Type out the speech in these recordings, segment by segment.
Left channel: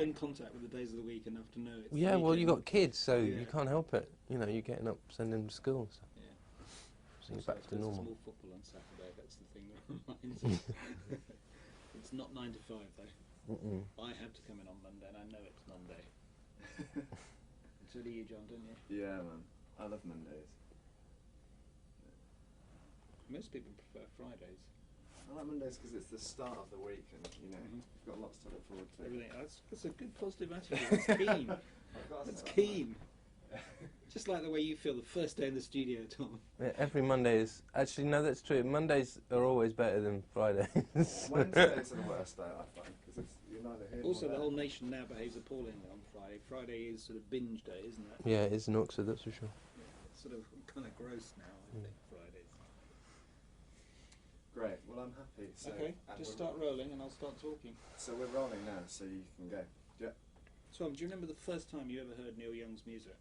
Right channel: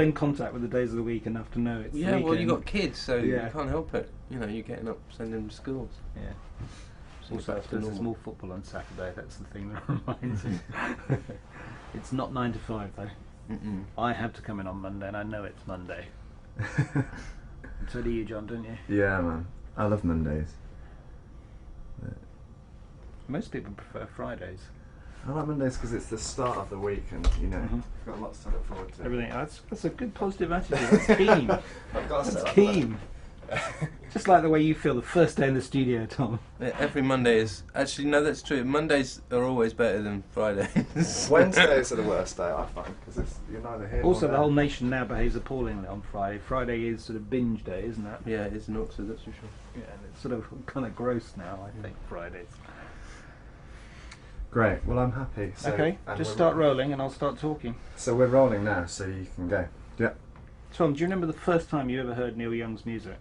in contact with the days of the week enough to know it's Yeah, weekend. well, you got kids, so you Yeah. can't help it. You know, you're getting up, sending them to schools. Yeah. Seems Also, back to there's normal. more football on Saturday. That's the thing that reminds me. It's not 9 to 5 though. Mm-mm. I have to come in on Monday, and I know it's Monday. So do you, John, don't you? Yeah, man. I love Mondays. Most people prefer Fridays. I like Mondays because it's the start of the week, and you know, Mhm. I've got lots to look forward to. Everything. That's a good positive attitude. That's keen. I've got to That's say, keen. Just like the way you feel the first day in the studio, Tom. Yeah, every Monday is... Actually, no, that's true. Mondays are always better than Fridays. Wednesdays are the worst day, I find, because you're neither here nor Also, the there. whole nation now behaves appallingly on Friday. Friday is sort of binge day, isn't it? Yeah, it is in Oxford, that's for sure. Yeah, and it's sort of kind of gross now, I think, Fridays. Great. Well, I'm happy. So, Okay, and just we're- start rolling and I'll start talking. So we're rolling now, so you can go. Yeah. Tom, do you remember the first time you ever heard Neil Young's music?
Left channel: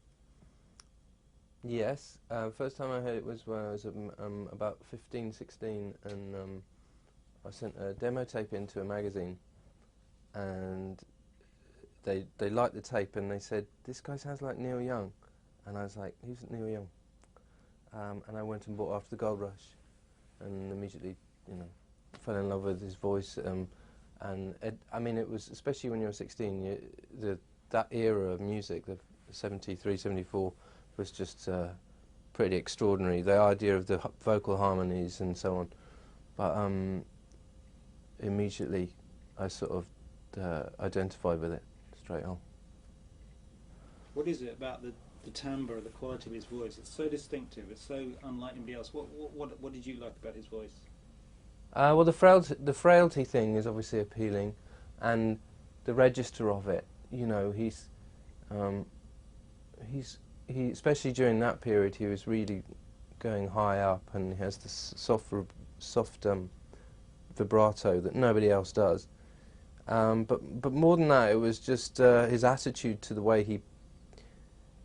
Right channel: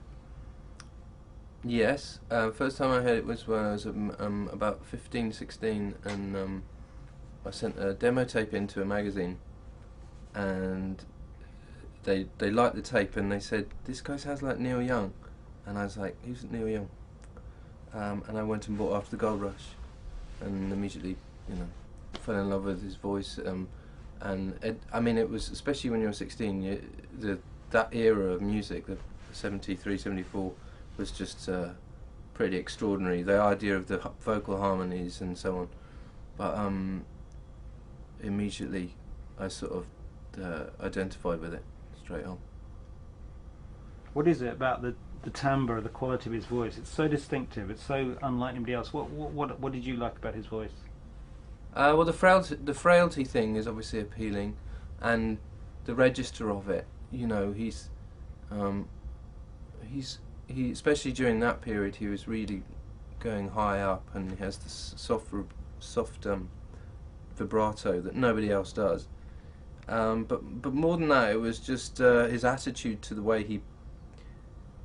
Yes, first time I heard it was when I was about 15, 16, and I sent a demo tape into a magazine, and they liked the tape, and they said, "This guy sounds like Neil Young," and I was like, "Who's Neil Young?" And I went and bought After the Gold Rush, and immediately, you know, fell in love with his voice, and I mean, it was, especially when you were 16, that era of music, the 73, 74, was just pretty extraordinary. The idea of the vocal harmonies and so on, but immediately I sort of identified with it straight on. What is it about the timbre, the quality of his voice? It's so distinctive. It's so unlike anybody else. What did you like about his voice? Well, the frailty thing is obviously appealing, and the register of it. You know, he especially during that period, he was really going high up, and he has this soft vibrato that nobody else does. But more than that, it was just his attitude to the way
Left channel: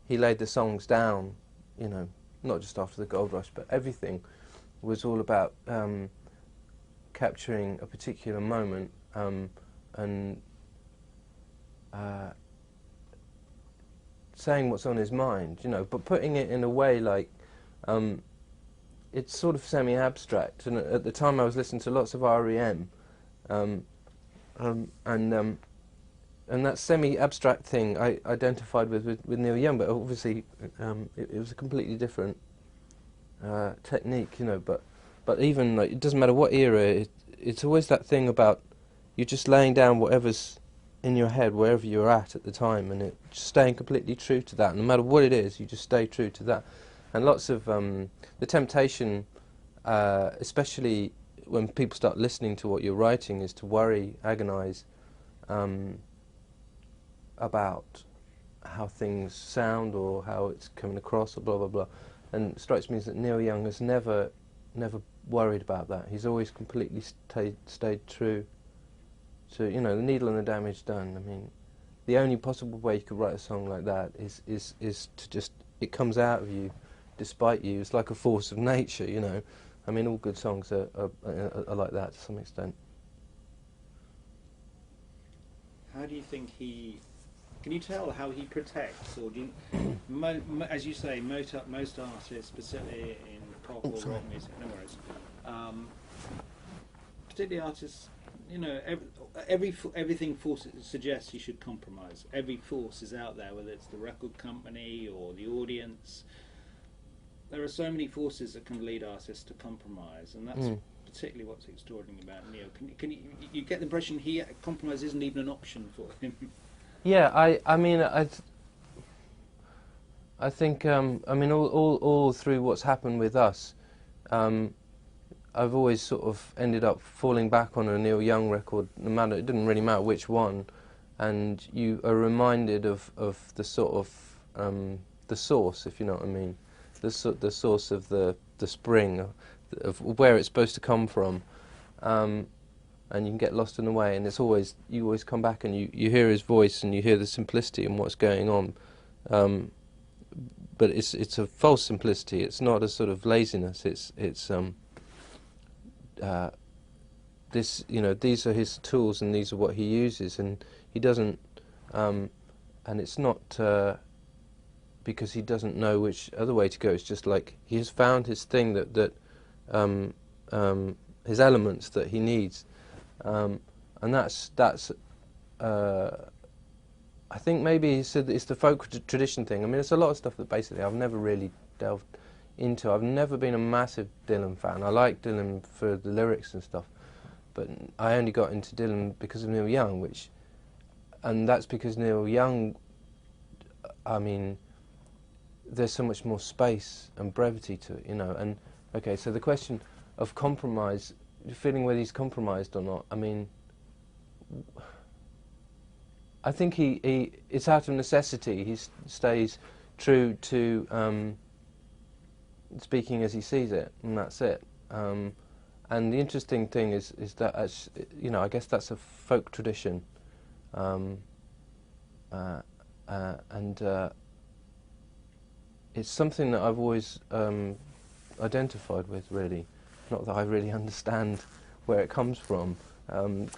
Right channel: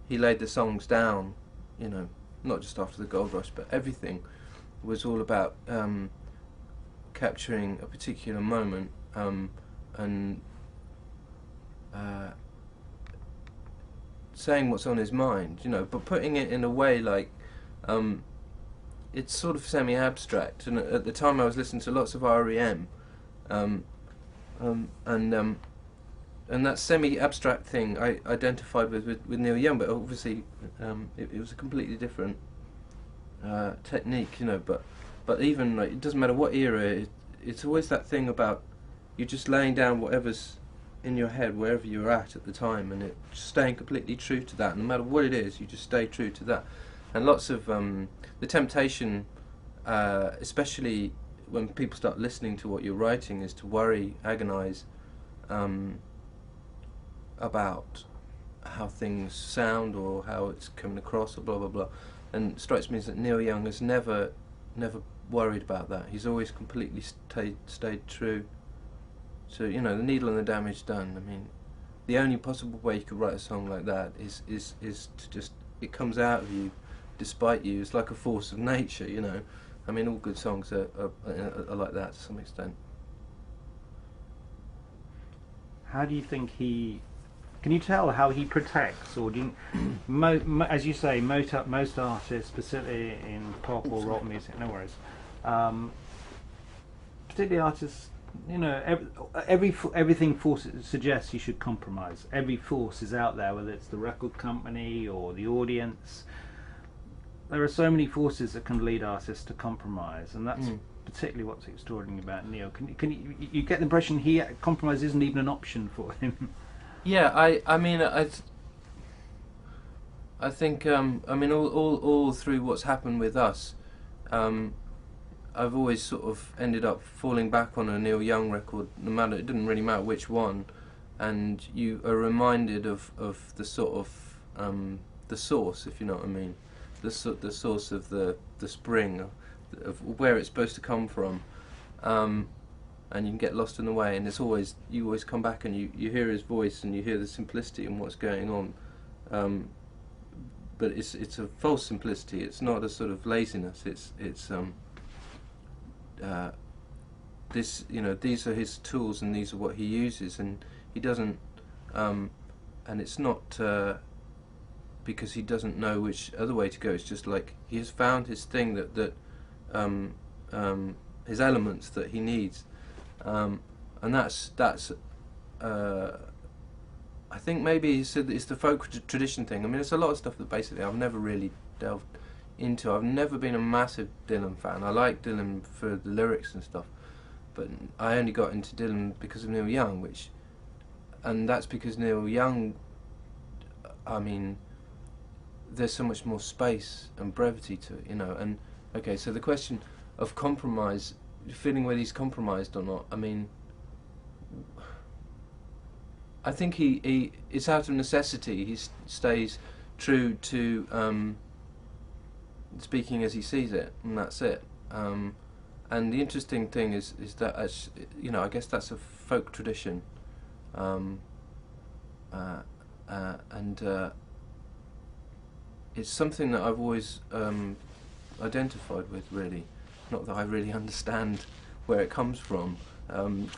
he laid the songs down. You know, not just After the Gold Rush, but everything was all about capturing a particular moment and saying what's on his mind, you know, but putting it in a way like it's sort of semi-abstract. And at the time, I was listening to lots of REM, and that semi-abstract thing I identified with Neil Young, but obviously it was a completely different technique, you know. But even like, it doesn't matter what era, it's always that thing about you're just laying down whatever's in your head wherever you're at the time, and it just staying completely true to that. No matter what it is, you just stay true to that. And lots of the temptation, especially when people start listening to what you're writing, is to worry, agonize about how things sound or how it's coming across or blah blah blah. And it strikes me as that Neil Young has never worried about that. He's always completely stayed true to, you know, the needle and the damage done. I mean, the only possible way you could write a song like that is to just, it comes out of you despite you. It's like a force of nature, you know. I mean, all good songs are like that to some extent. How do you think can you tell how he protects, or do you, as you say, most artists, specifically in pop or rock music, no worries, particularly artists, you know, everything suggests you should compromise. Every force is out there, whether it's the record company or the audience. There are so many forces that can lead artists to compromise, and that's particularly what's extraordinary about Neil. Can you get the impression compromise isn't even an option for him? Yeah, I mean, I think, I mean, all through what's happened with us, I've always sort of ended up falling back on a Neil Young record, no matter, it didn't really matter which one, and you are reminded of the sort of, the source, if you know what I mean, the source of the spring, of where it's supposed to come from. And you can get lost in the way, and you always come back and you hear his voice and you hear the simplicity and what's going on, but it's a false simplicity. It's not a sort of laziness. It's this, you know, these are his tools and these are what he uses, and he doesn't and it's not because he doesn't know which other way to go. It's just like he has found his thing that his elements that he needs, and that's I think maybe it's the folk tradition thing. I mean, it's a lot of stuff that basically I've never really delved into. I've never been a massive Dylan fan. I like Dylan for the lyrics and stuff, but I only got into Dylan because of Neil Young, and that's because Neil Young, I mean, there's so much more space and brevity to it, and okay, so the question of compromise, feeling whether he's compromised or not, I mean, I think he it's out of necessity. He stays true to speaking as he sees it, and that's it. And the interesting thing is that I guess that's a folk tradition, and it's something that I've always identified with. Really, not that I really understand where it comes from,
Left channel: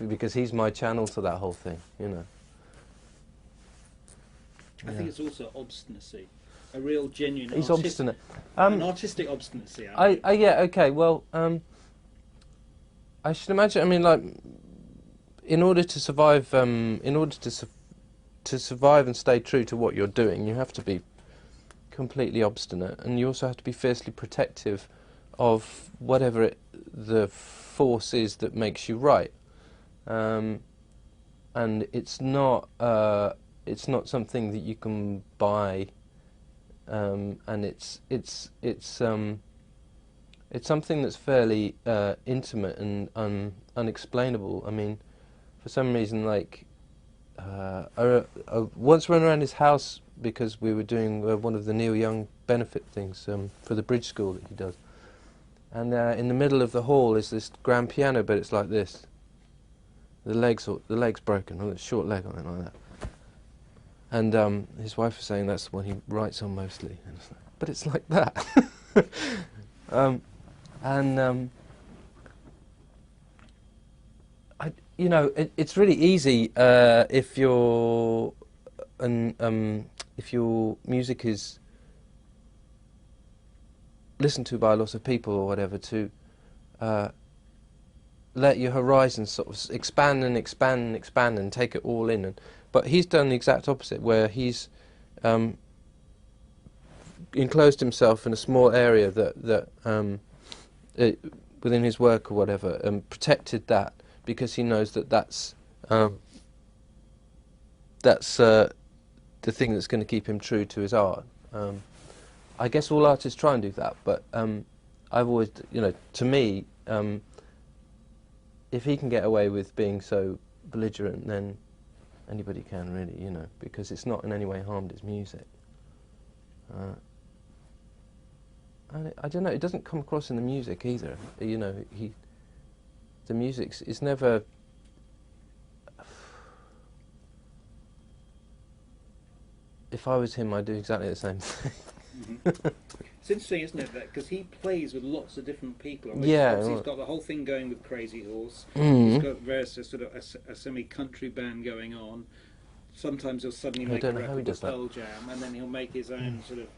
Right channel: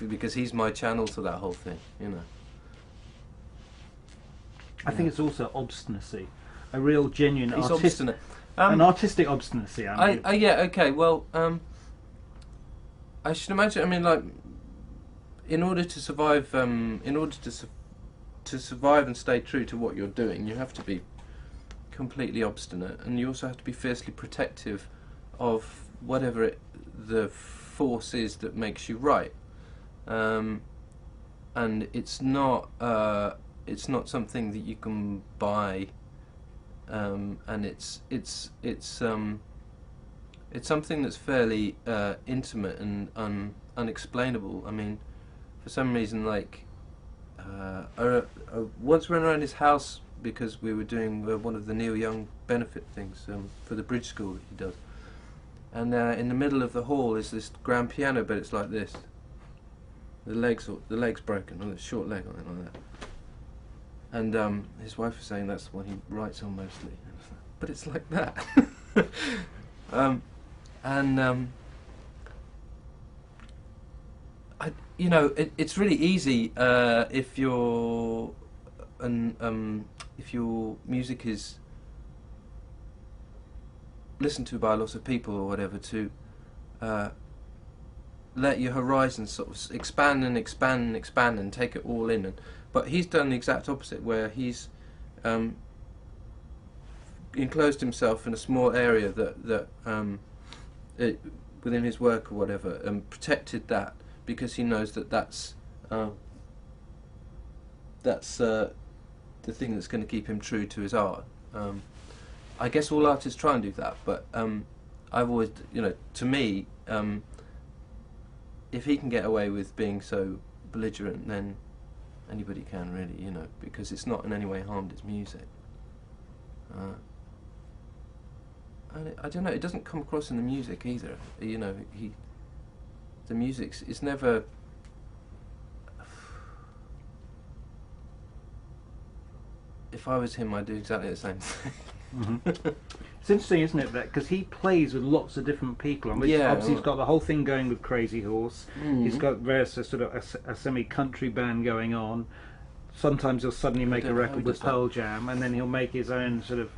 because he's my channel to that whole thing, I think it's also obstinacy, a real genuine He's obstinate. an artistic obstinacy. I mean. Yeah, okay. Well, I should imagine. I mean, like, in order to survive, to survive and stay true to what you're doing, you have to be completely obstinate, and you also have to be fiercely protective of whatever the force is that makes you right. And it's not something that you can buy, and it's something that's fairly intimate and unexplainable. I mean, for some reason, like, I once went around his house because we were doing one of the Neil Young benefit things for the bridge school that he does, and in the middle of the hall is this grand piano, but it's like this. The leg's broken, or a short leg on it like that. And his wife was saying that's what he writes on mostly, but it's like that. It's really easy if your music is listened to by lots of people or whatever, to let your horizons sort of expand and expand and expand and take it all in. But he's done the exact opposite, where he's enclosed himself in a small area that within his work or whatever, and protected that, because he knows that's the thing that's going to keep him true to his art. I guess all artists try and do that, but I've always, to me, if he can get away with being so belligerent, then anybody can, really, because it's not in any way harmed his music. I don't know, it doesn't come across in the music either. The music is never. If I was him, I'd do exactly the same thing. Mm-hmm. It's interesting, isn't it, that because he plays with lots of different people, and obviously he's got the whole thing going with Crazy Horse. He's got various sort of a semi-country band going on. Sometimes he'll suddenly make a record with Pearl Jam, and then he'll make his own sort of.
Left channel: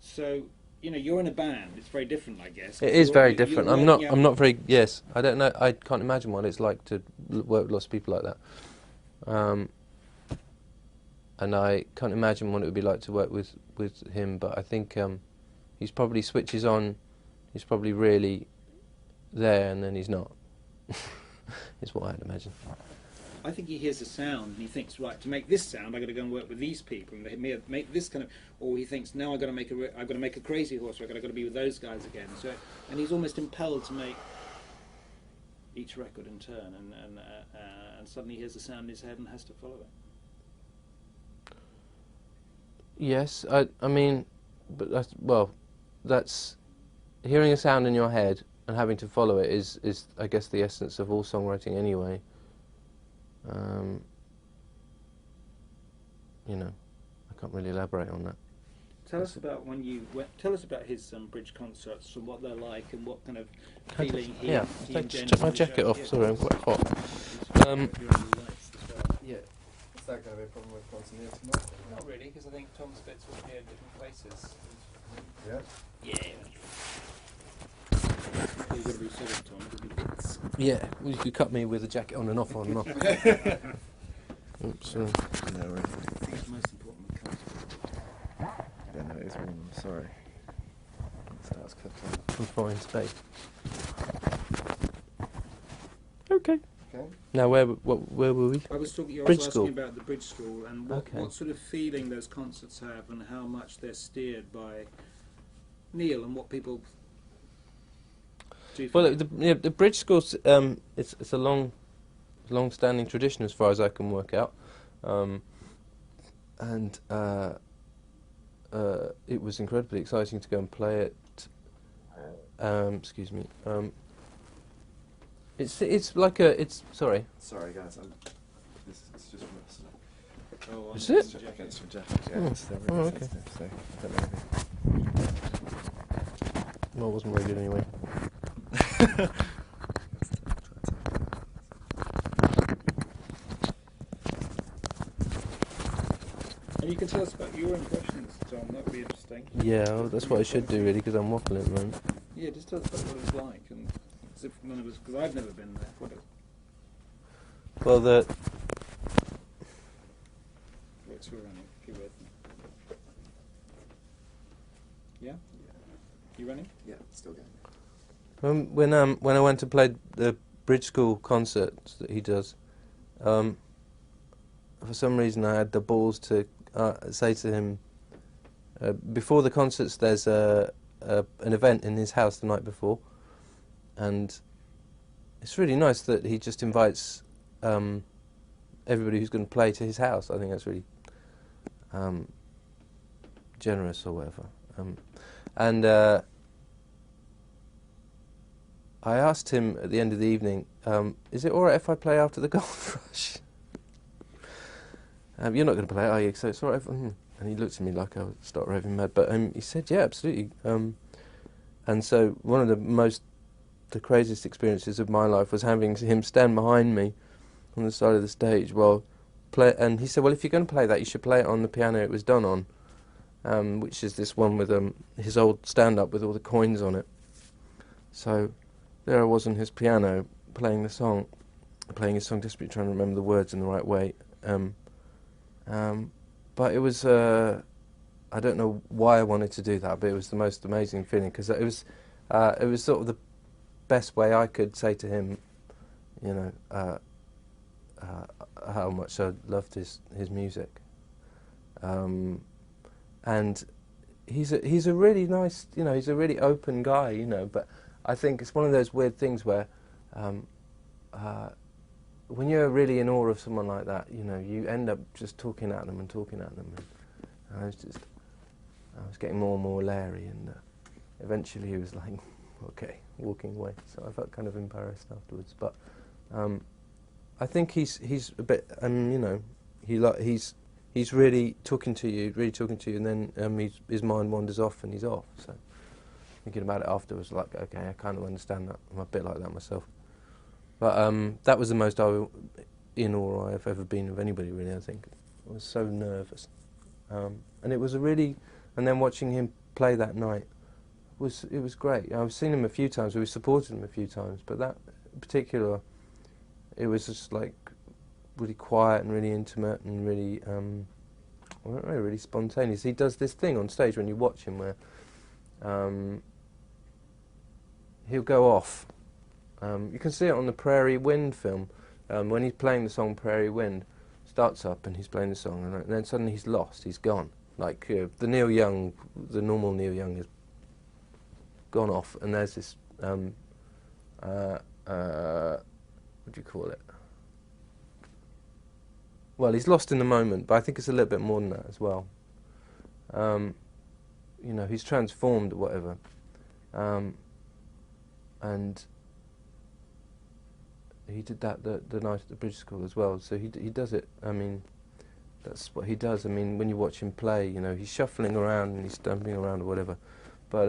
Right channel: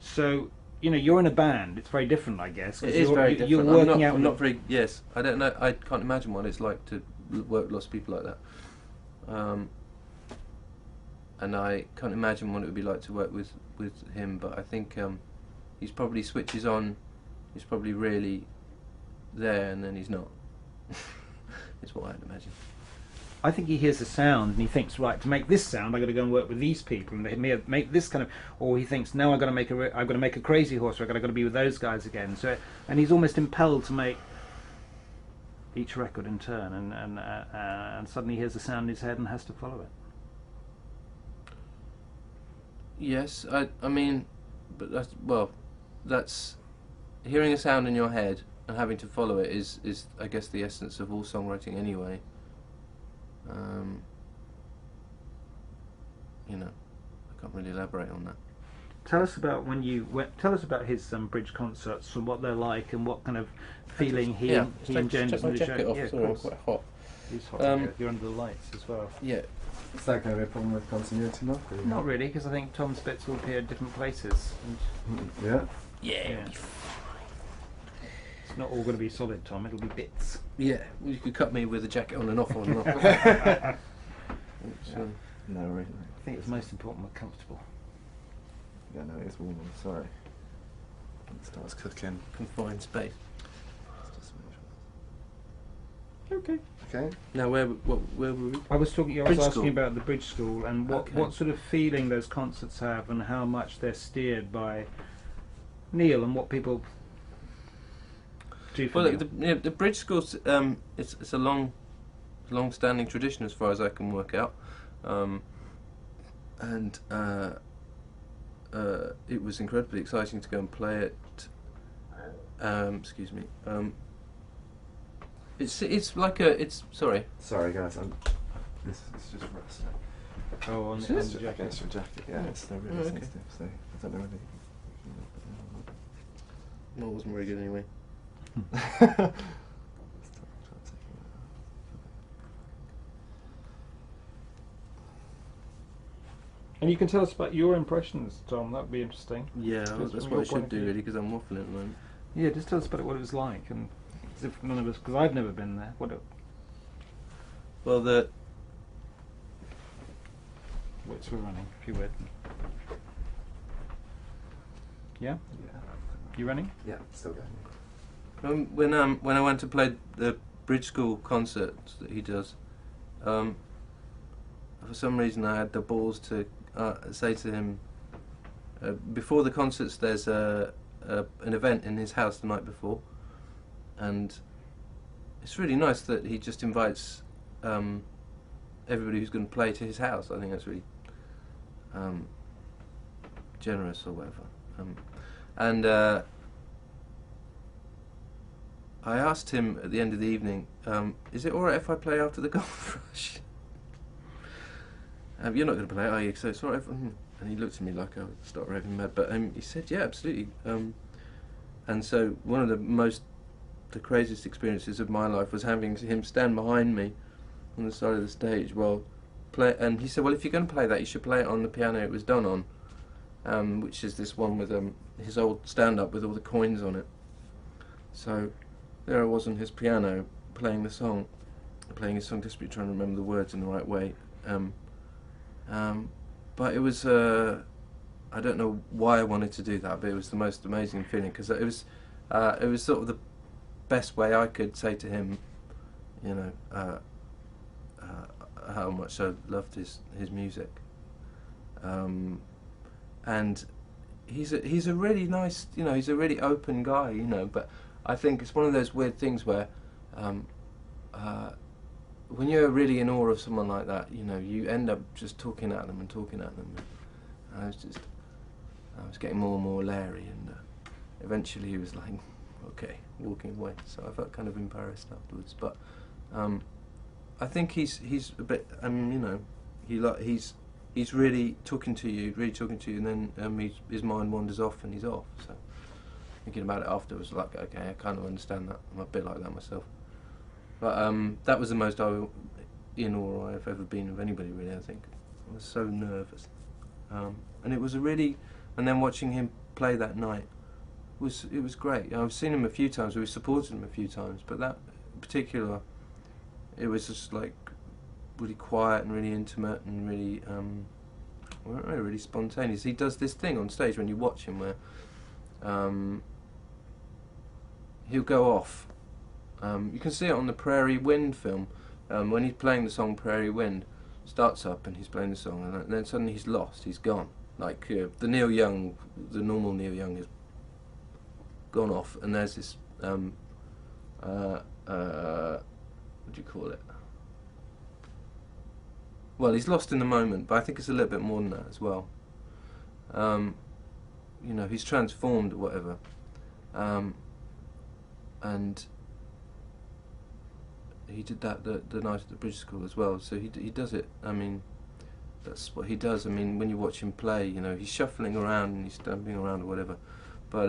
So you're in a band. It's very different, I guess. It is very different. I'm not very. Yes, I don't know. I can't imagine what it's like to work with lots of people like that. And I can't imagine what it would be like to work with him. But I think he's probably switches on. He's probably really there, and then he's not. Is what I'd imagine. I think he hears the sound and he thinks, right, to make this sound, I've got to go and work with these people and make this kind of. Or he thinks, no, I've got to make a Crazy Horse, or I've got to be with those guys again. So, and he's almost impelled to make each record in turn, and suddenly he hears the sound in his head and has to follow it. Yes, I mean, but that's hearing a sound in your head and having to follow it is I guess the essence of all songwriting anyway. I can't really elaborate on that. Tell us about tell us about his bridge concerts and what they're like and what kind of feeling he engenders. Take my jacket off. Sorry, I'm quite hot. You're under the lights as well. Yeah. Is that going to be a problem with continuity? Not really, because I think Tom's bits will appear at different places. Yeah. Yeah. It's not all going to be solid, Tom. It'll be bits. Yeah, well, you could cut me with a jacket on and off, on and off. Oops, No, really. I think it's most important we're comfortable. Yeah, no, it is warm. I'm sorry. It starts cooking. confined space. Okay. Okay. Now, where were we? I was talking. I Bridge was asking school. about the bridge school and Okay. what sort of feeling those concerts have, and how much they're steered by Neil, and what people do. For Well, Neil. the bridge schools. It's a long-standing tradition as far as I can work out, and it was incredibly exciting to go and play it. Excuse me. It's like a sorry. Sorry, guys. This is just rust. Oh, on Is the it? jacket. Against your jacket. Yeah, Oh. it's really Oh, okay. sensitive. So I don't know. No, it wasn't very good anyway. And you can tell us about your impressions, Tom. That would be interesting. Yeah, Just well, that's from what I your should point of do view. really, because I'm waffling at the moment. Yeah, just tell us about what it was like, and as if none of us, because I've never been there. Well, the Which we're running, if you would. Yeah, Yeah. you running? Yeah, still going. when I went to play the bridge school concerts that he does, for some reason I had the balls to say to him, before the concerts there's an event in his house the night before, and it's really nice that he just invites everybody who's going to play to his house. I think that's really generous or whatever. And I asked him at the end of the evening, is it alright if I play after the Gold Rush? You're not going to play it, are you? So it's alright. And he looked at me like I would start raving mad. But he said, yeah, absolutely. And so one of the craziest experiences of my life was having him stand behind me on the side of the stage while and he said, well, if you're going to play that, you should play it on the piano it was done on, which is this one with his old stand-up with all the coins on it. So there I was on his piano playing his song desperately trying to remember the words in the right way. But it was I don't know why I wanted to do that, but it was the most amazing feeling, because it was sort of the best way I could say to him, you know, how much I loved his music, and he's a really nice, you know, he's a really open guy, you know. But I think it's one of those weird things where when you're really in awe of someone like that, you know, you end up just talking at them. And I was getting more and more leery, and eventually he was like, okay, walking away. So I felt kind of embarrassed afterwards. But I think he's a bit, you know, he's really talking to you, and then his mind wanders off and he's off. So thinking about it afterwards, like, okay, I kind of understand that. I'm a bit like that myself. But that was the most in awe I've ever been of anybody, really. I think I was so nervous, and it was and then watching him play that night it was great. I've seen him a few times. We supported him a few times, but that in particular, it was just like really quiet and really intimate and really, I don't know, really spontaneous. He does this thing on stage when you watch him where he'll go off. You can see it on the Prairie Wind film, when he's playing the song Prairie Wind, starts up and he's playing the song, and then suddenly he's lost, he's gone. Like the normal Neil Young has gone off, and there's this, what do you call it? Well, he's lost in the moment, but I think it's a little bit more than that as well. You know, he's transformed or whatever. And he did that the night at the Bridge School as well. So he does it. I mean, that's what he does. I mean, when you watch him play, you know, he's shuffling around and he's stamping around or whatever. But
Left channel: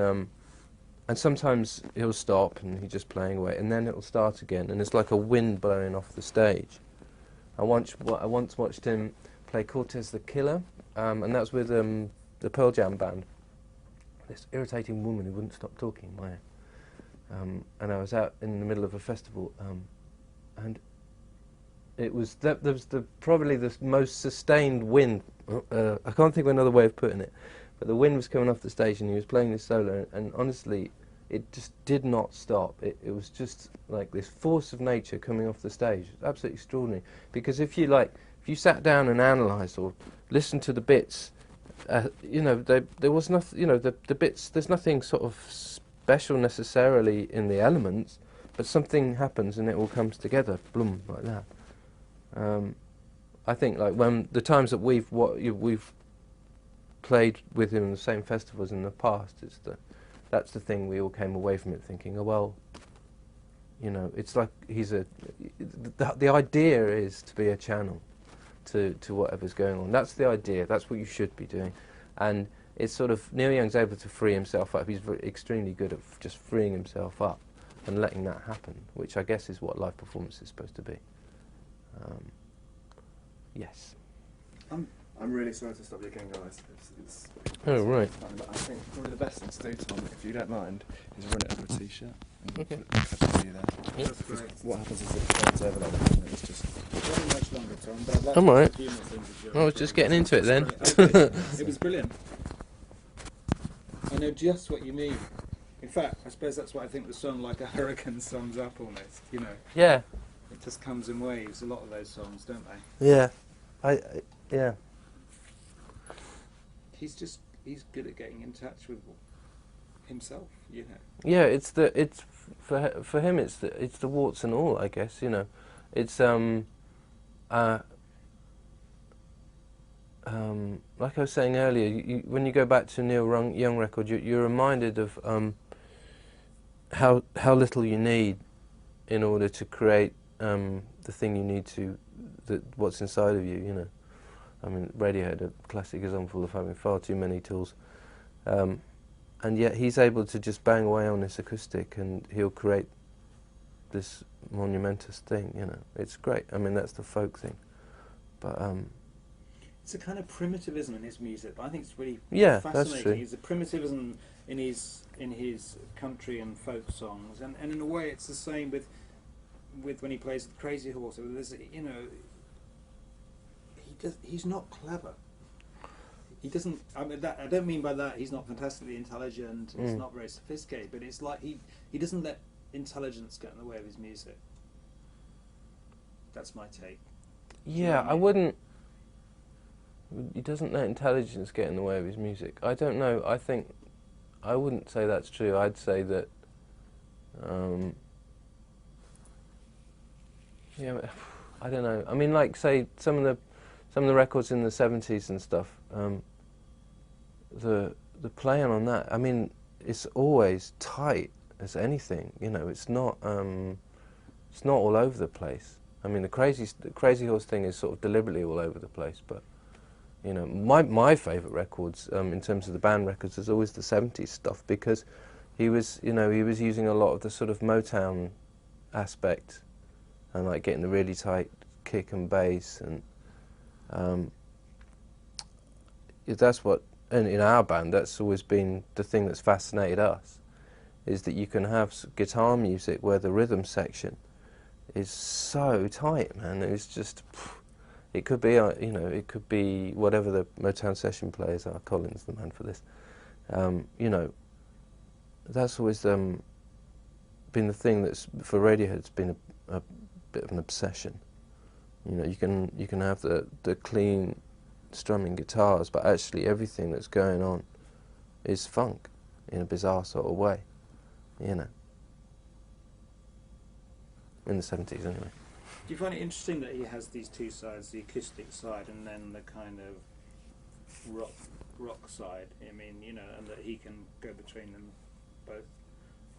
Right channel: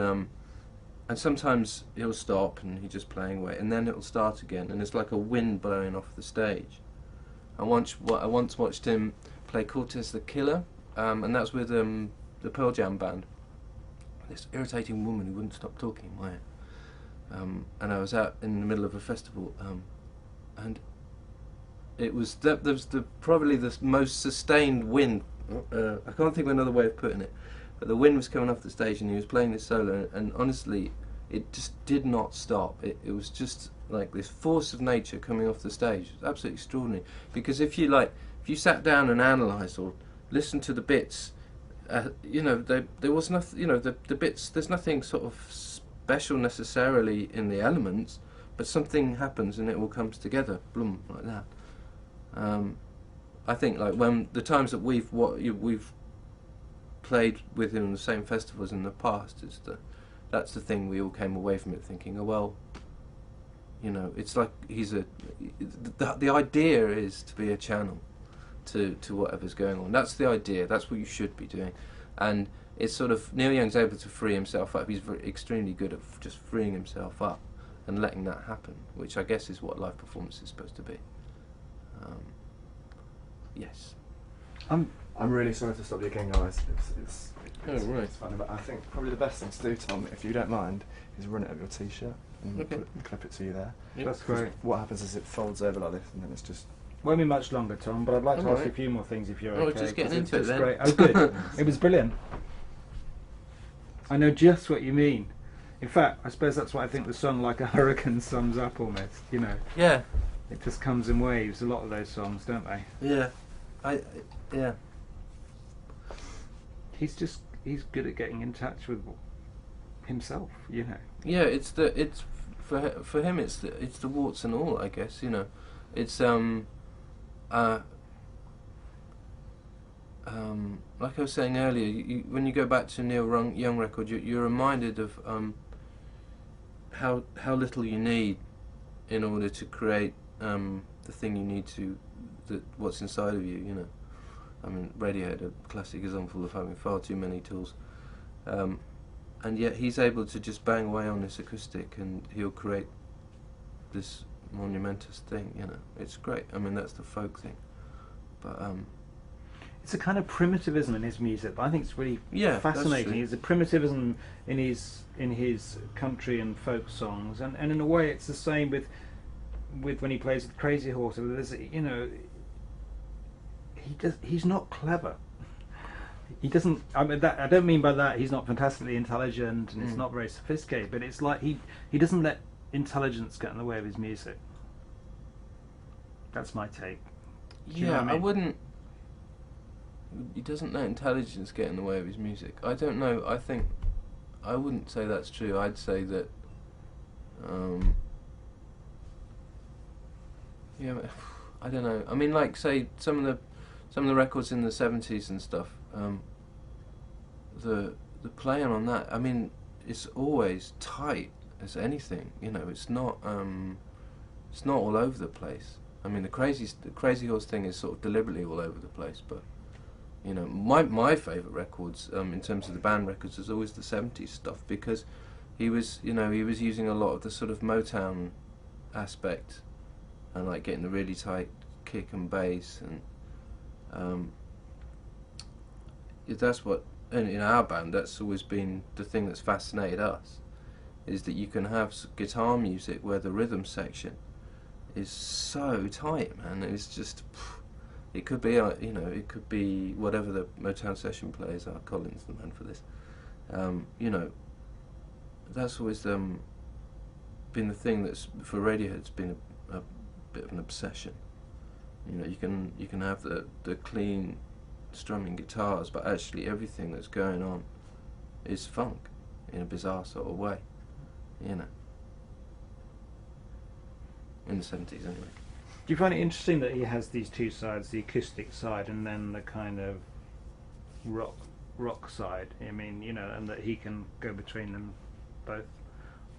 and sometimes he'll stop and he's just playing away, and then it'll start again, and it's like a wind blowing off the stage. I once watched him play Cortez the Killer, and that was with the Pearl Jam band. This irritating woman who wouldn't stop talking in my ear. And I was out in the middle of a festival, and it was there was probably the most sustained wind. I can't think of another way of putting it, but the wind was coming off the stage, and he was playing this solo, and honestly, it just did not stop. It was just like this force of nature coming off the stage. It was absolutely extraordinary. Because if you sat down and analysed or listened to the bits, there was nothing. The bits. There's nothing sort of special necessarily in the elements, but something happens and it all comes together, bloom, like that. I think like when the times that we've played with him in the same festivals in the past, that's the thing we all came away from it thinking, oh well, it's like the idea is to be a channel to whatever's going on. That's the idea. That's what you should be doing, and it's sort of Neil Young's able to free himself up. He's extremely good at just freeing himself up and letting that happen, which I guess is what live performance is supposed to be. Yes. I'm really sorry to stop you again, guys. It's right. fun, but I think probably the best thing to do, Tom, if you don't mind, is run it over a t-shirt and Okay. put it for you there. Yeah. That's great. What happens is it folds over like this, and it's just. Won't be much longer, Tom, but I'd like I'm to ask alright. a few more things if you're Oh, okay. just getting because into it then. it's great. Oh, good. It was brilliant. I know just what you mean. In fact, I suppose that's what I think the song Like a Hurricane sums up almost, Yeah. It just comes in waves, a lot of those songs, don't they? Yeah. Yeah. He's good at getting in touch with himself, Yeah, it's for him it's the warts and all, I guess, It's like I was saying earlier, when you go back to Neil Young record, you're reminded of how little you need in order to create the thing you need what's inside of you, I mean, Radiohead, a classic example of having far too many tools, and yet he's able to just bang away on this acoustic and he'll create this monumentous thing, It's great. I mean, that's the folk thing, but it's a kind of primitivism in his music, but I think it's really Yeah, fascinating. that's true. It's a primitivism in his country and folk songs, and in a way it's the same with when he plays with Crazy Horse. There's, he's not clever. He doesn't. I mean, I don't mean by that he's not fantastically intelligent and he's not very sophisticated, but it's like he doesn't let intelligence get in the way of his music. That's my take. Do you know yeah, what I I mean? wouldn't. He doesn't let intelligence get in the way of his music. I don't know. I wouldn't say that's true. I'd say that. Yeah, I don't know. I mean, like say some of the records in the 70s and stuff. The playing on that. I mean, it's always tight as anything. It's not all over the place. I mean, the Crazy Horse thing is sort of deliberately all over the place, but. My favourite records in terms of the band records is always the 70s stuff, because he was using a lot of the sort of Motown aspect and like getting the really tight kick and bass, and that's what in our band that's always been the thing that's fascinated us, is that you can have guitar music where the rhythm section is so tight, man. It's just. It could be, it could be whatever the Motown session players are. Colin's the man for this. That's always been the thing that's for Radiohead. It's been a bit of an obsession. You can have the clean strumming guitars, but actually everything that's going on is funk in a bizarre sort of way. In the 70s, anyway. Do you find it interesting that he has these two sides, the acoustic side and then the kind of rock side? I mean, and that he can go between them both.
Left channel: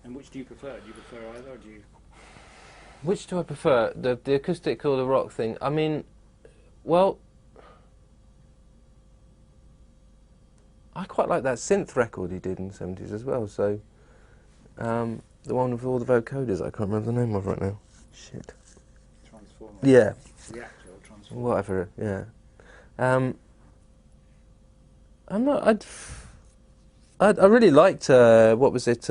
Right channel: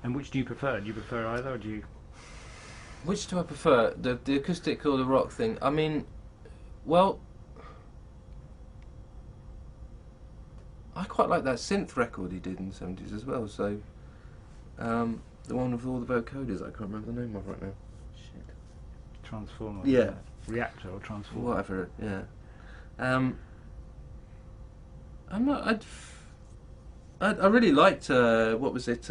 And which do you prefer? Do you prefer either, or do you? Which do I prefer, the acoustic or the rock thing? I mean, well, I quite like that synth record he did in the 70s as well. So, the one with all the vocoders, I can't remember the name of right now. Shit. Transformer. Yeah. Reactor or transformer. Whatever. Yeah. I'm not. I really liked what was it?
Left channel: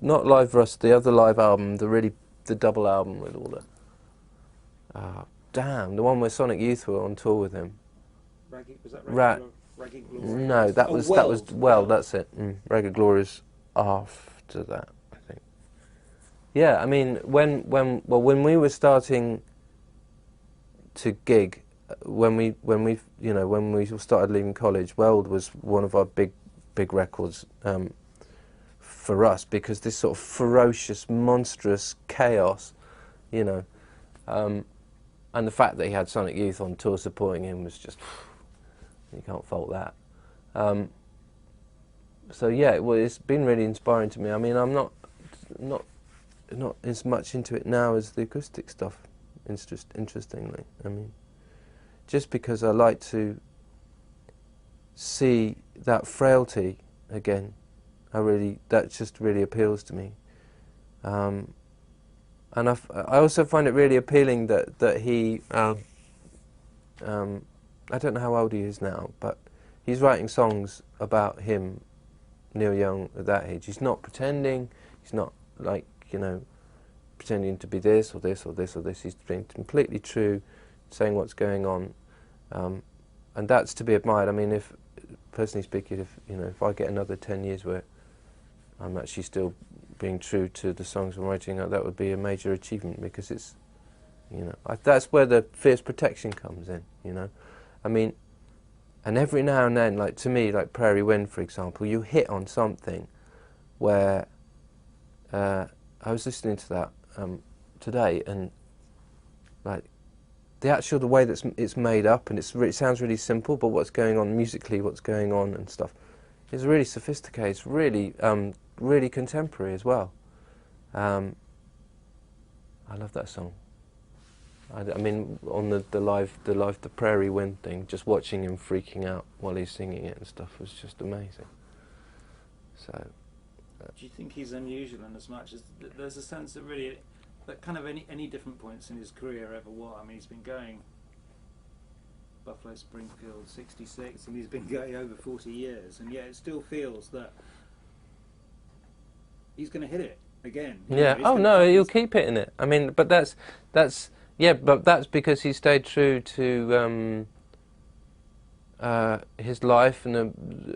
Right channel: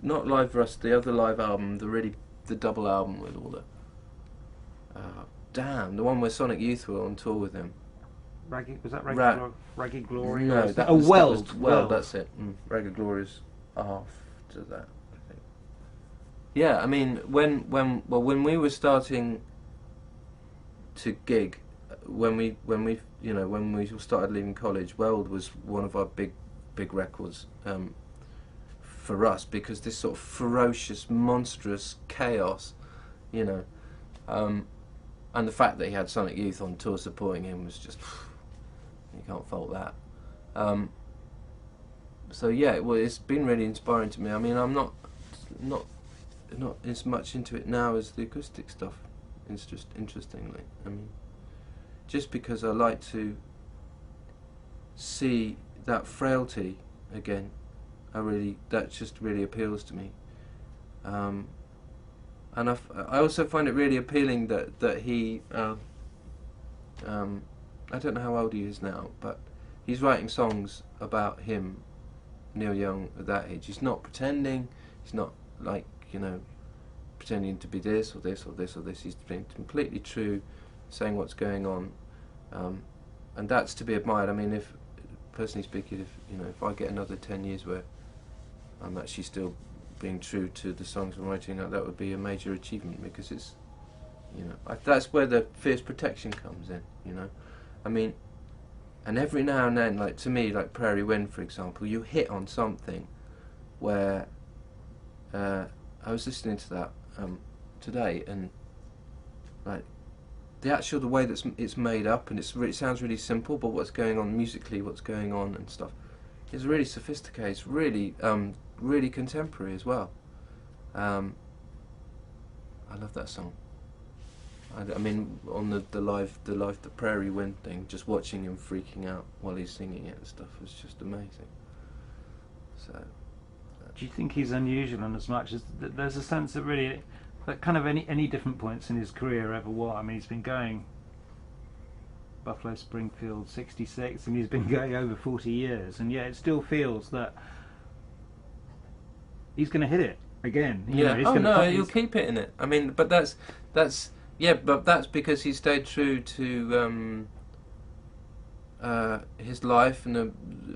Not Live Rust, the other live album, the double album with all the. Damn, the one where Sonic Youth were on tour with him. Was that Ra- Ragged Glory? No, that was Weld. That's it. Ragged Glory's after that, I think. Yeah, I mean, when we were starting to gig, when we started leaving college, Weld was one of our big records for us, because this sort of ferocious, monstrous chaos, you know, and the fact that he had Sonic Youth on tour supporting him was just, you can't fault that. So yeah, it's been really inspiring to me. I mean, I'm not as much into it now as the acoustic stuff. Interestingly, I mean, just because I like to see that frailty again, that just really appeals to me. And I also find it really appealing that he, I don't know how old he is now, but he's writing songs about him, Neil Young, at that age. He's not pretending. He's not like, pretending to be this or this or this or this. He's being completely true, saying what's going on, and that's to be admired. I mean, personally speaking, if I get another 10 years where I'm actually still being true to the songs I'm writing, that would be a major achievement, because it's, that's where the fierce protection comes in, I mean, and every now and then, like to me, like Prairie Wind, for example, you hit on something where I was listening to that today, and like the way that it's made up, and it sounds really simple, but what's going on musically, what's going on and stuff, is really sophisticated. It's really really contemporary as well. I love that song. I mean, on the Prairie Wind thing, just watching him freaking out while he's singing it and stuff was just amazing. So, do you think he's unusual in as much as there's a sense that really, that kind of any different points in his career ever what? I mean, he's been going Buffalo Springfield 66, and he's been going over 40 years, and yet it still feels that he's going to hit it again. Yeah. He'll keep hitting it. I mean, but that's because he stayed true to his life, and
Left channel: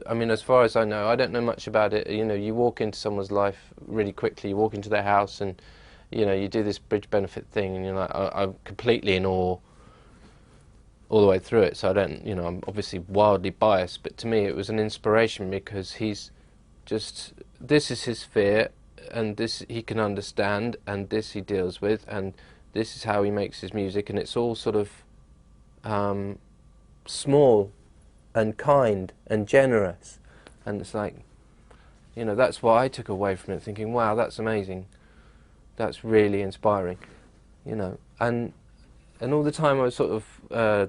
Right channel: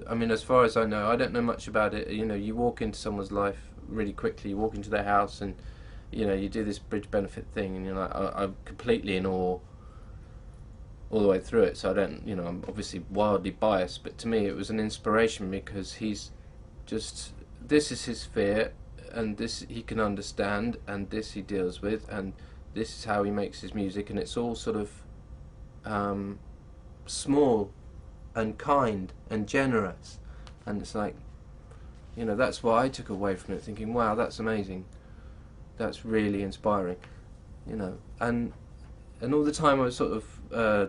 I mean, as far as I know, I don't know much about it. You walk into someone's life really quickly. You walk into their house, and you do this bridge benefit thing, and you're like, I'm completely in awe all the way through it. So I don't, I'm obviously wildly biased, but to me it was an inspiration, because he's just, this is his fear, and this he can understand, and this he deals with, and this is how he makes his music, and it's all sort of small and kind and generous, and it's like, that's what I took away from it, thinking, wow, that's amazing, that's really inspiring, and all the time I was sort of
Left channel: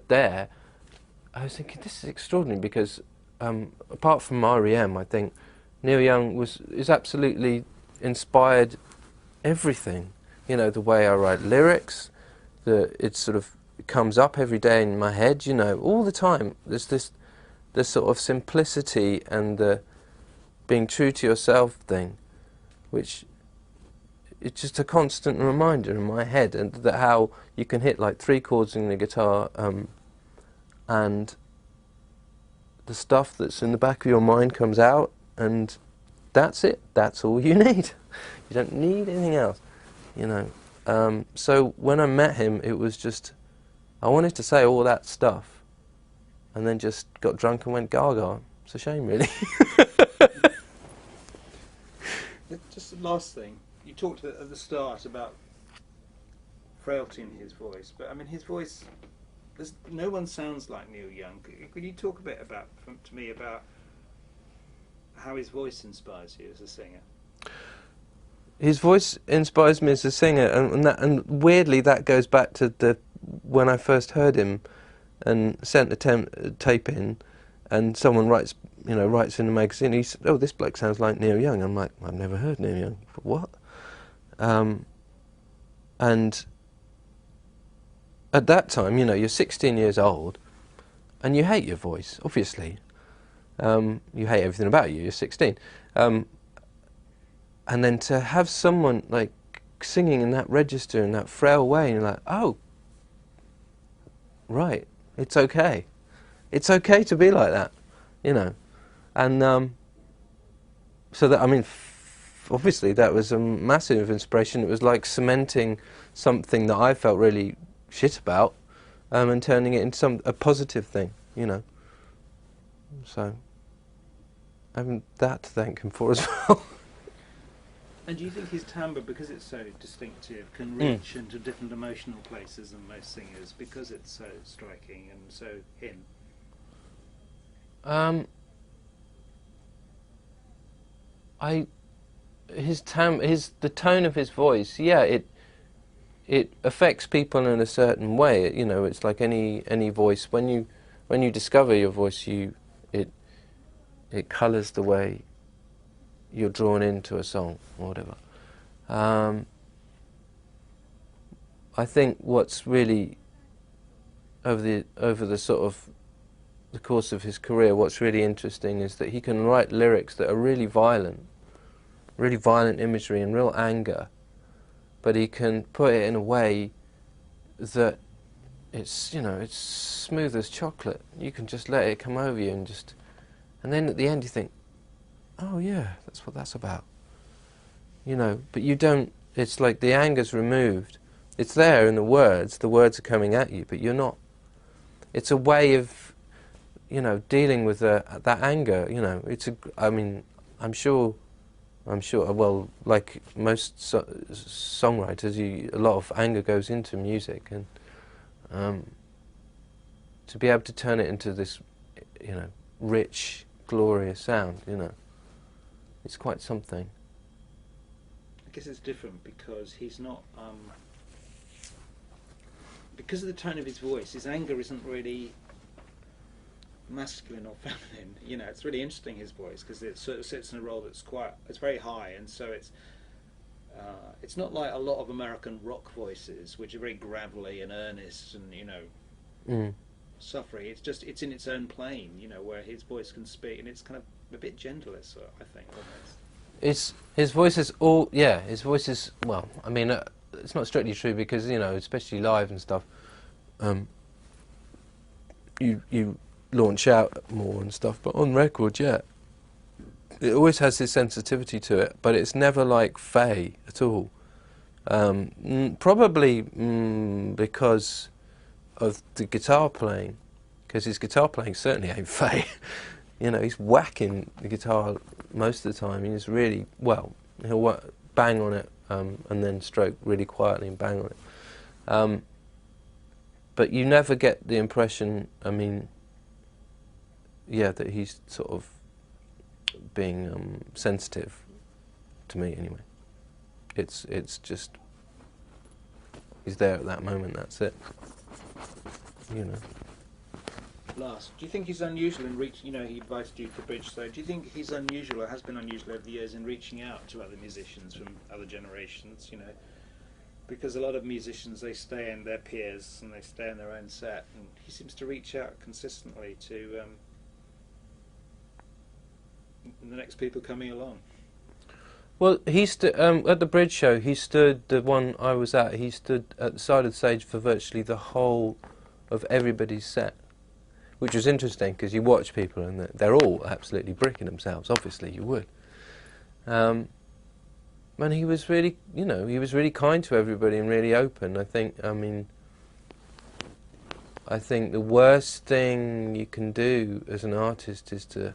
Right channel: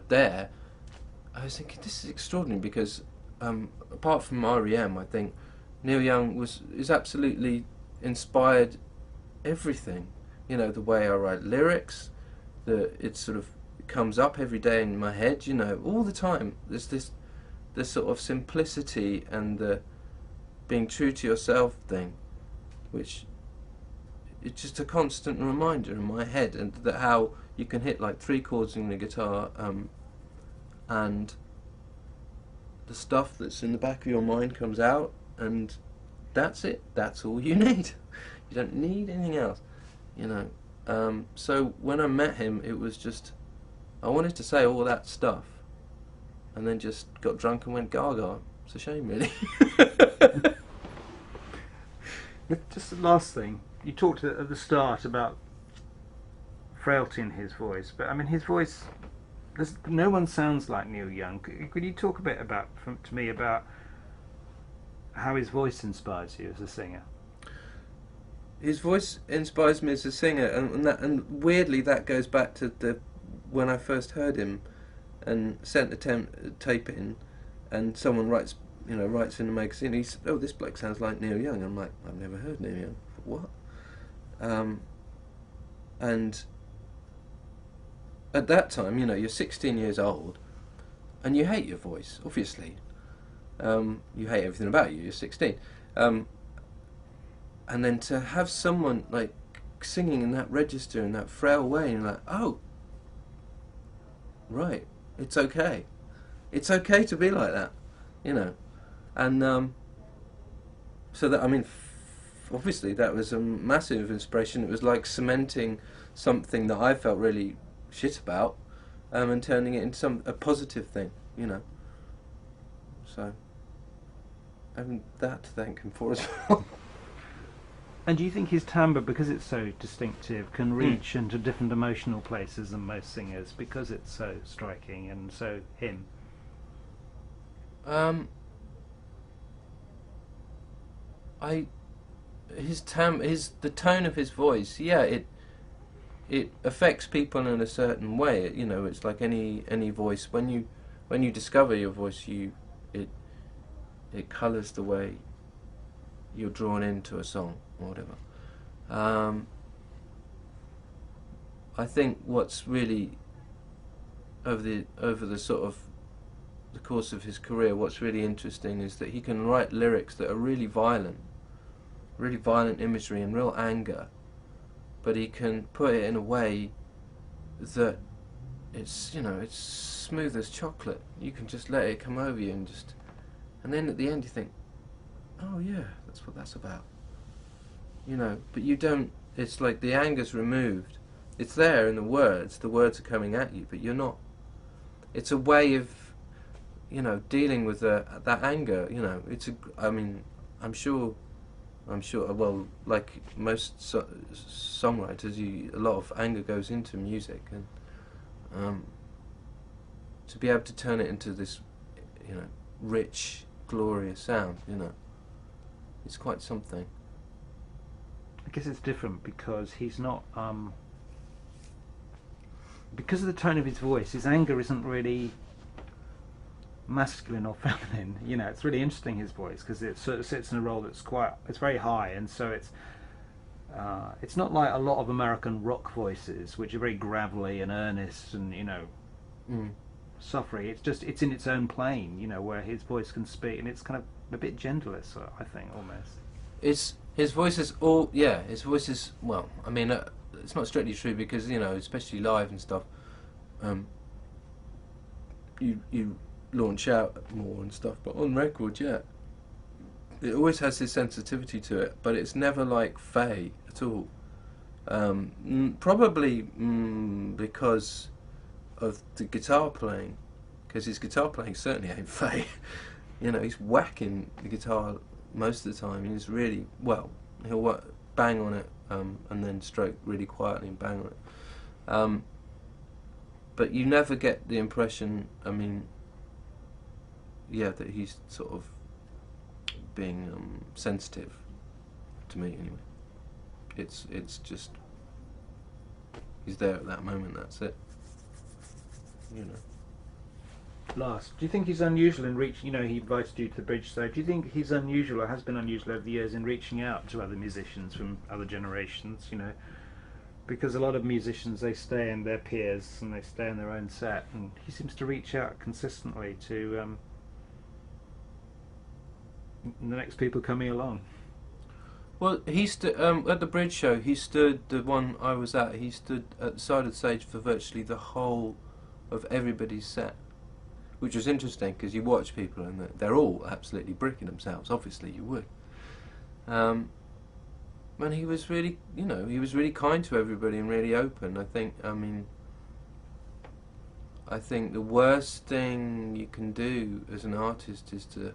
there, I was thinking, this is extraordinary, because apart from R.E.M., I think Neil Young is absolutely inspired everything. The way I write lyrics, it sort of comes up every day in my head, all the time. There's this sort of simplicity and the being true to yourself thing, which it's just a constant reminder in my head, and that how you can hit like 3 chords in the guitar, and the stuff that's in the back of your mind comes out, and that's it. That's all you need. You don't need anything else, So when I met him, it was just, I wanted to say all that stuff, and then just got drunk and went gaga. It's a shame, really. Just the last thing, you talked at the start about frailty in his voice, but I mean, his voice, no one sounds like Neil Young. Could you talk a bit to me about how his voice inspires you as a singer? His voice inspires me as a singer, and weirdly that goes back to when I first heard him and sent a tape in, and someone writes in a magazine, he said, "Oh, this bloke sounds like Neil Young." I'm like, I've never heard Neil Young. What? And at that time, you're 16 years old, and you hate your voice, obviously. You hate everything about you. You're 16, and then to have someone like singing in that register in that frail way, and you're like, oh, right, it's okay. It's okay to be like that, and so that obviously that was a massive inspiration. It was like cementing something that I felt really shit about, and turning it into a positive thing, So having that to thank him for as well. And do you think his timbre, because it's so distinctive, can reach into different emotional places than most singers because it's so striking and so him? The tone of his voice, it affects people in a certain way. It's like any voice. When you discover your voice, it colours the way you're drawn into a song or whatever. I think what's really over the sort of the course of his career, what's really interesting is that he can write lyrics that are really violent imagery and real anger, but he can put it in a way that it's smooth as chocolate. You can just let it come over you and then at the end you think, oh yeah, that's what that's about. But you don't, it's like the anger's removed. It's there in the words are coming at you, but you're not. It's a way of, dealing with that anger, I'm sure, well, like most songwriters, a lot of anger goes into music, and to be able to turn it into this, rich, glorious sound, it's quite something. I guess it's different because he's not, because of the tone of his voice, his anger isn't really masculine or feminine. It's really interesting, his voice, because it sort of sits in a role that's it's very high, and so it's not like a lot of American rock voices, which are very gravelly and earnest and suffery. It's in its own plane, where his voice can speak, and it's kind of a bit gentler, so I think, almost. His voice is well, it's not strictly true because, especially live and stuff, you launch out more and stuff, but on record, it always has this sensitivity to it, but it's never like Faye at all. Probably because of the guitar playing, because his guitar playing certainly ain't Faye. He's whacking the guitar most of the time. He's really, he'll bang on it and then stroke really quietly and bang on it. But you never get the impression, that he's sort of being sensitive to me anyway. It's just he's there at that moment. That's it. Last, do you think he's unusual in reaching? He invited you to the bridge. So, do you think he's unusual or has been unusual over the years in reaching out to other musicians from other generations? Because a lot of musicians, they stay in their peers and they stay in their own set, and he seems to reach out consistently to the next people coming along. Well, he stood at the bridge show. He stood, the one I was at. He stood at the side of the stage for virtually the whole of everybody's set, which was interesting because you watch people and they're all absolutely bricking themselves. Obviously, you would. And he was really, he was really kind to everybody and really open. I think the worst thing you can do as an artist is to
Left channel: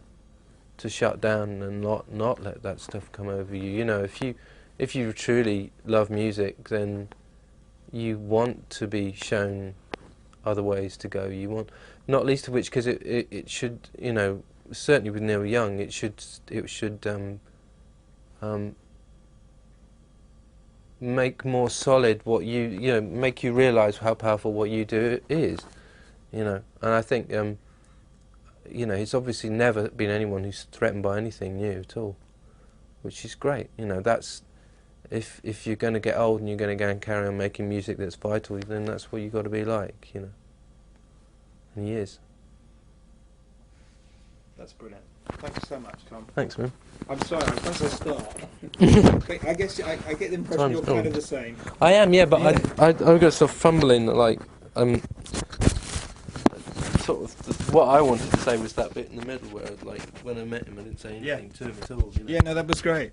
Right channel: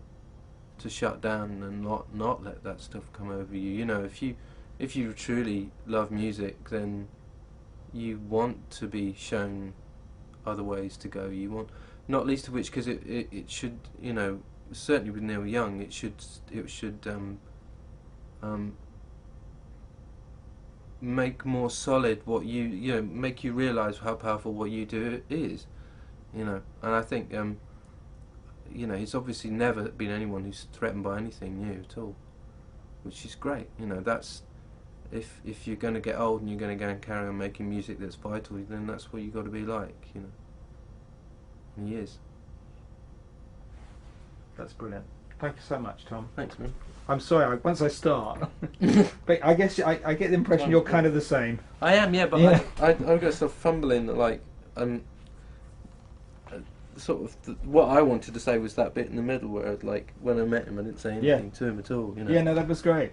shut down and not let that stuff come over you. If you truly love music, then you want to be shown other ways to go. You want, not least of which because it should, certainly with Neil Young, it should make more solid what make you realise how powerful what you do is, and I think he's obviously never been anyone who's threatened by anything new at all, which is great. That's if you're going to get old and you're going to go and carry on making music that's vital, then that's what you got to be like, you know. And he is. That's brilliant. Thank you so much, Tom. Thanks, man. I'm sorry, once I start, but I guess I get the impression Time's you're gone. kind of the same. I am, yeah, but Yeah. I got stuff fumbling, like, sort of, what I wanted to say was that bit in the middle where, like, when I met him, I didn't say anything to him at all, you know. Yeah, no, that was great.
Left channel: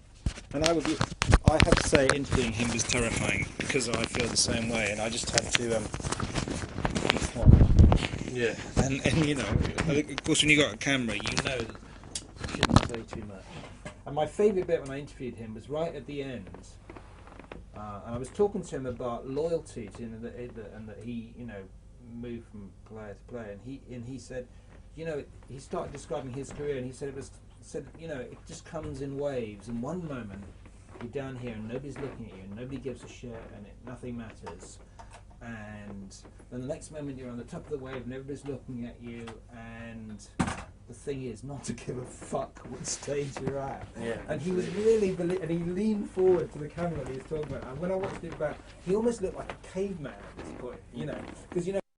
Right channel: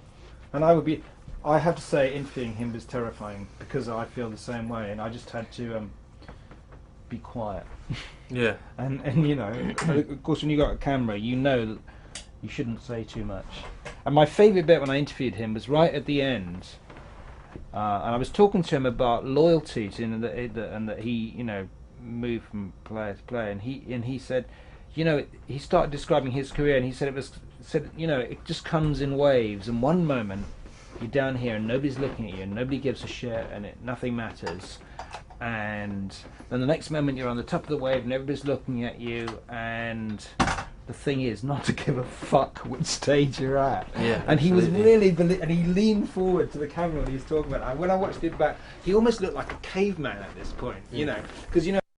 And I have to say, interviewing him was terrifying because I feel the same way, and I just had to be quiet. Yeah. And you know, of course, when you got a camera, you know that you shouldn't say too much. And my favourite bit when I interviewed him was right at the end, and I was talking to him about loyalty to and that he, you know, moved from player to player, and he said, you know, he started describing his career, and he said you know, it just comes in waves, and one moment you're down here and nobody's looking at you and nobody gives a shit and nothing matters, and then the next moment you're on the top of the wave and everybody's looking at you, and the thing is not to give a fuck which stage you're at. Yeah, and he was absolutely. really and he leaned forward to the camera when he was talking about it. And when I watched it back, he almost looked like a caveman at this point, you know, because you know